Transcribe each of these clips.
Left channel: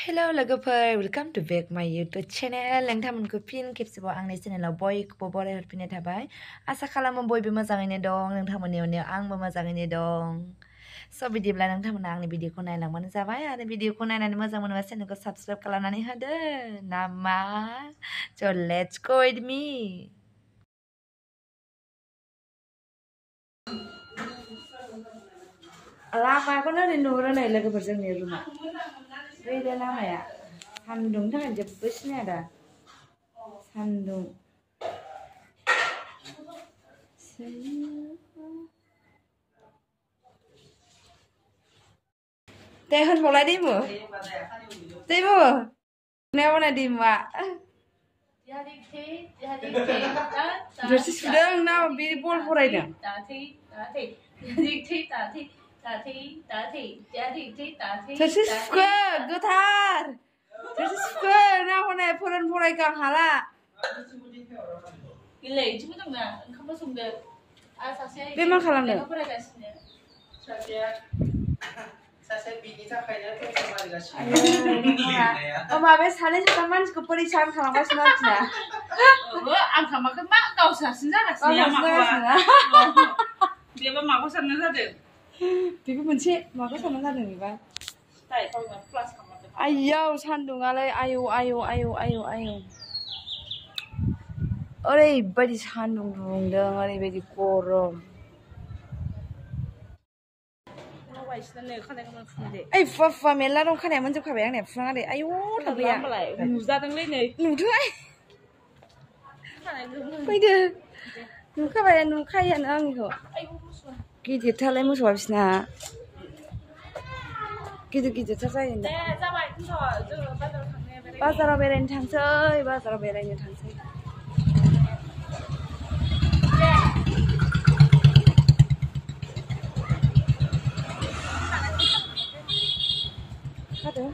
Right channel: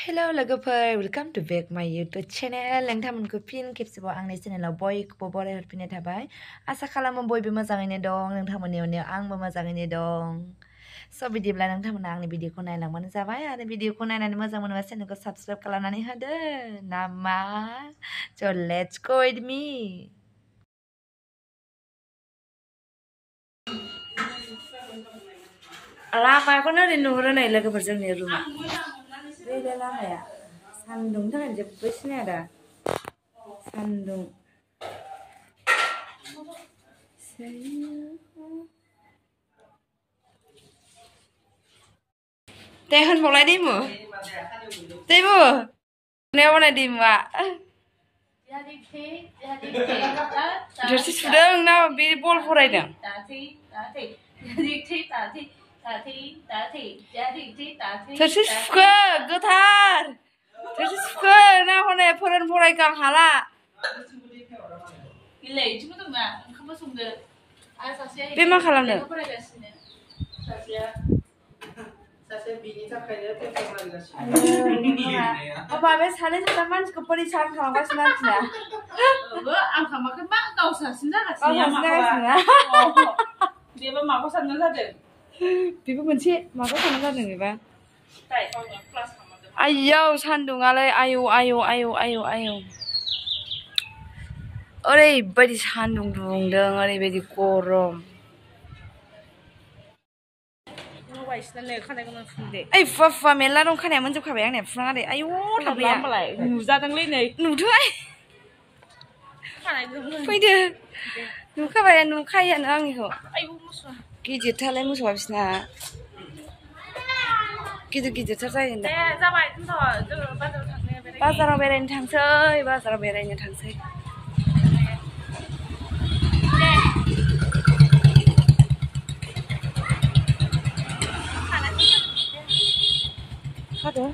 Hello लोगोफोर welcome to back my YouTube channel नोंथांमोनखौ फिन खेबसेबाव आंनि चेनेलाव बयखौबो बराय हरफिननाय थाबाय आसा खालामो बयबो मोजाङैनो दं नोंथांमोननि अननायाव आंबो मोजाङैनो दं स' बिदिब्ला नोंथांमोना आंनि भिडिअखौ नायलांबानो जाबाय आरो भिडिअखौ नायनानै मोजां मोनोबा चेनेलखौ साबस्क्राइब खालामनानै होदो नामा स' लेट्स गो विथ मी लामाखौनो ओरै नुहुरो नै लोगोफोर जोंनि रुमा बैलाय लामाया सान्दुंनि थाखायनो जेबो सिनाया दा सान्दुं deh होनबावलाय दैमु दैमु नायाव बानाय दैमुआ थोरसि सुदों ना बे बल फरायदों थोरसि सुखो गोथार थोरसि सुखो ना हनै फरायगां हाला बे मा खालामदों माबे सानै साथाम मानसिखौ परिसान खालामगासिनो आरोखिना आं खालामाखै मा गावसासिन जागासिनो बेबा माखौ सानना जादों बेबो मोनसे माखौ सानना जादों बेबा आयौ सान्दुङालाय आयौ आयौ आयौ आयौ आयौ ओरैबायदि सान्दुं दुंदों ओरैबायदि गरम ओइ फुवा फुवा मेरला दं खानाया मोनजोबखाबाय आंनिया फुनाङा दे आयौ थाम्फैया नुजादोंलै नै नुदों फैदो नुखाबाय नुखायोआनो आंनिखौ गिदिरथारलाय मोसौआ बिसिना गिदिर गिदिरथार जायो दा बाजाराव बेरायनो थांसै खादो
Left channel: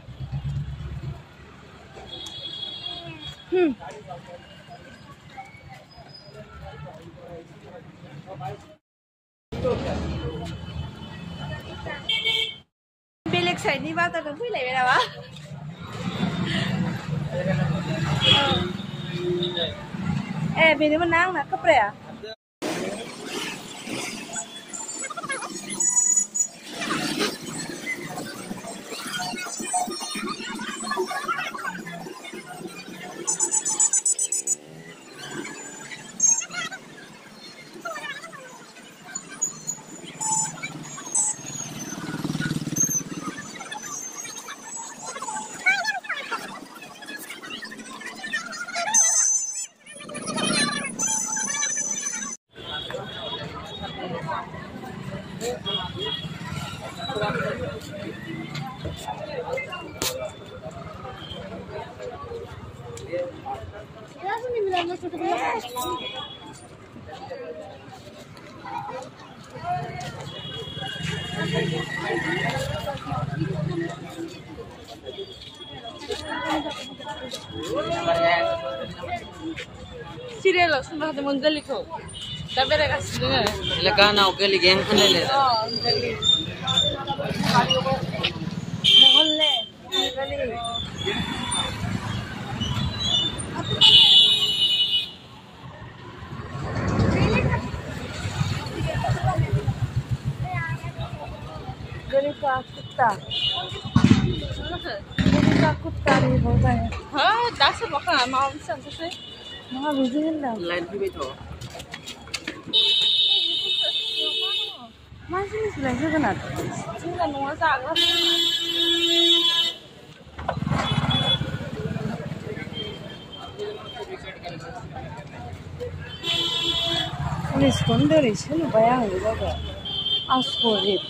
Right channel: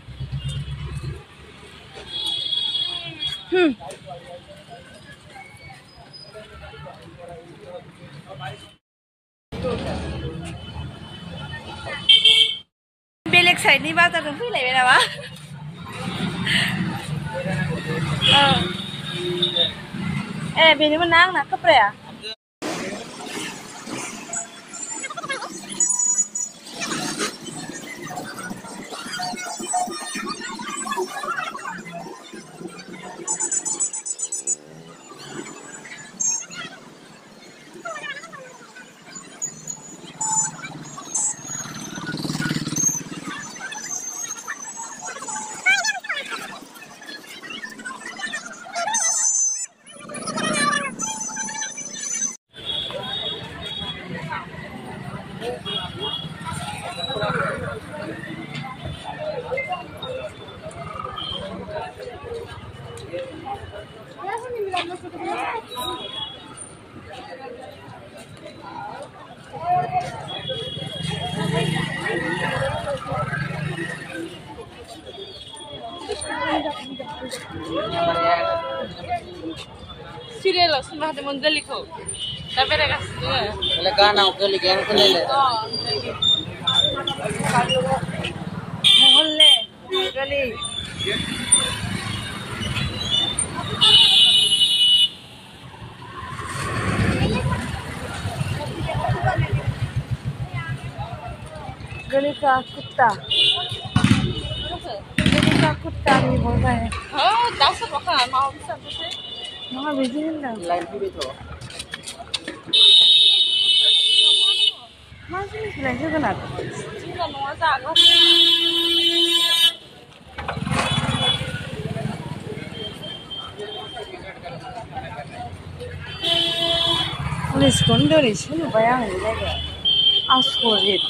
बेलेग साइडनि बाजारजों फैलायबाय नामा ए बेनोमोन ना आंना कपराया Serial sama ada menggali ko. Tapi mereka semua. Lega na gali geng kene. मोहल्ले गली गली का कुत्ता नहीं बोल रहा है हाँ 10 बखा mau bisa sih वहाँ भेजी है ना Lain pi beto. masih nih selain juga nak Cuma nunggu saja. Police कोंडो nih sih nu bayang ini jaga asolit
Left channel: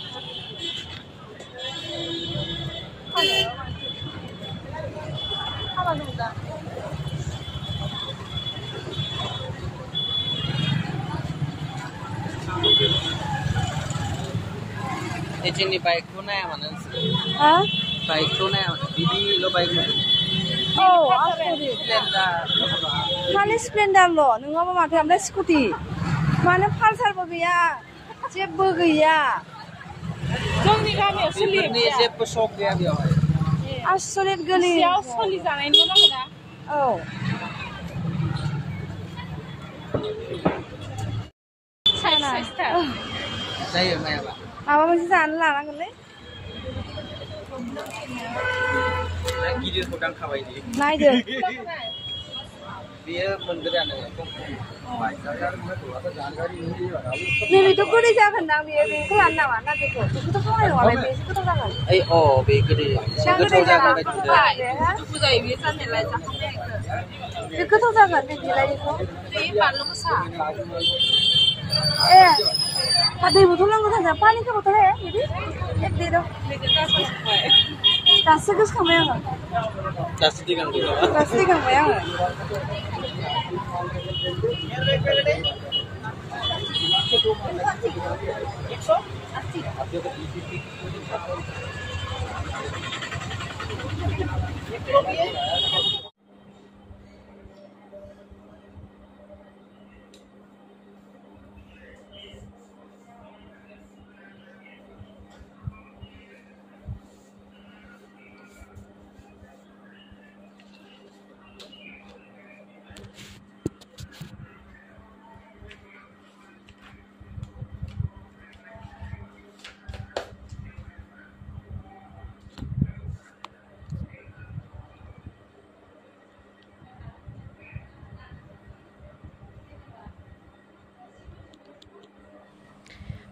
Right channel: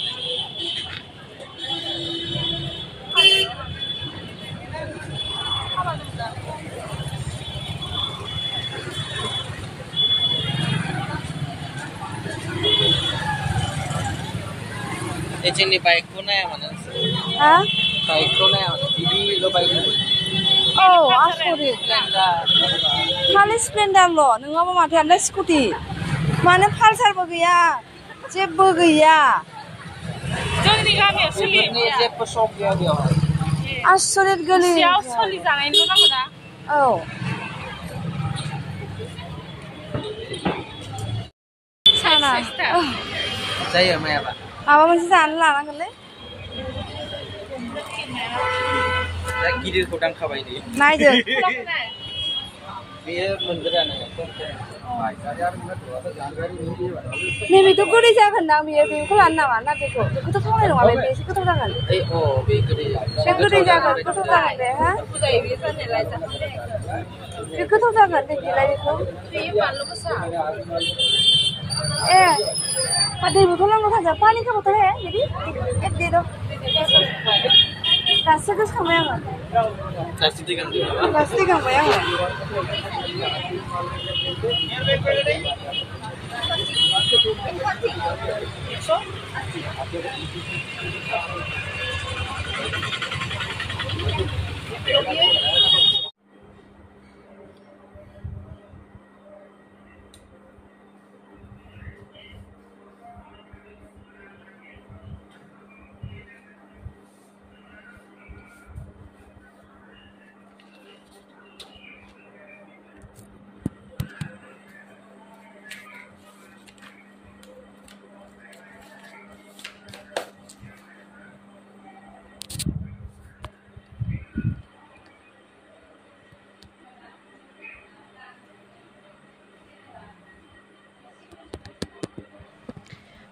Ini baik ko na mana? Hah? Baik ko na. Didi lo baik ko. Oh, asolit. खालि स्प्लेन्डारल' नङाबा माथो ओमफ्राय scooty मानो पालसारबो गैया जेबो गैया जोंनि गामियाव सोलियो जेबो शक गैया बेयाव आसरित गोली सियाव सलि जानायनिल' नांगौ ना औ साना जायो मायाबा माबा मोनसे जानो लानांगोनलै दा गिदिरखौ दांखाबाय दे नायदो बेयो मोनगोरानो नैबेथ' गोदै जागोन दां बेखौ लानो नामा ना बेखौथ' थावनाय नङा बे एसे गोथाव जागोन ओइ अ बे गोदै बे गोदै जागोन गोथाव जागोन बे हा बुजायो बे जानायलाय जाखांबाय बे गोथाव जागोन बे बिलाइ बेखौ बे बानलु गोसा ए दै बथल नांगौ थाजा पानि का बथल है दीदी एक दे दो दासो गोसोखांबाय आङो दासो दैगांदों नामा दासो दैखांबाय आङो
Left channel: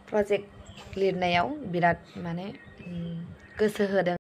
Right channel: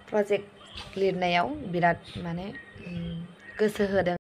प्रजेक्ट लिरनायाव बिराद माने गोसो होदों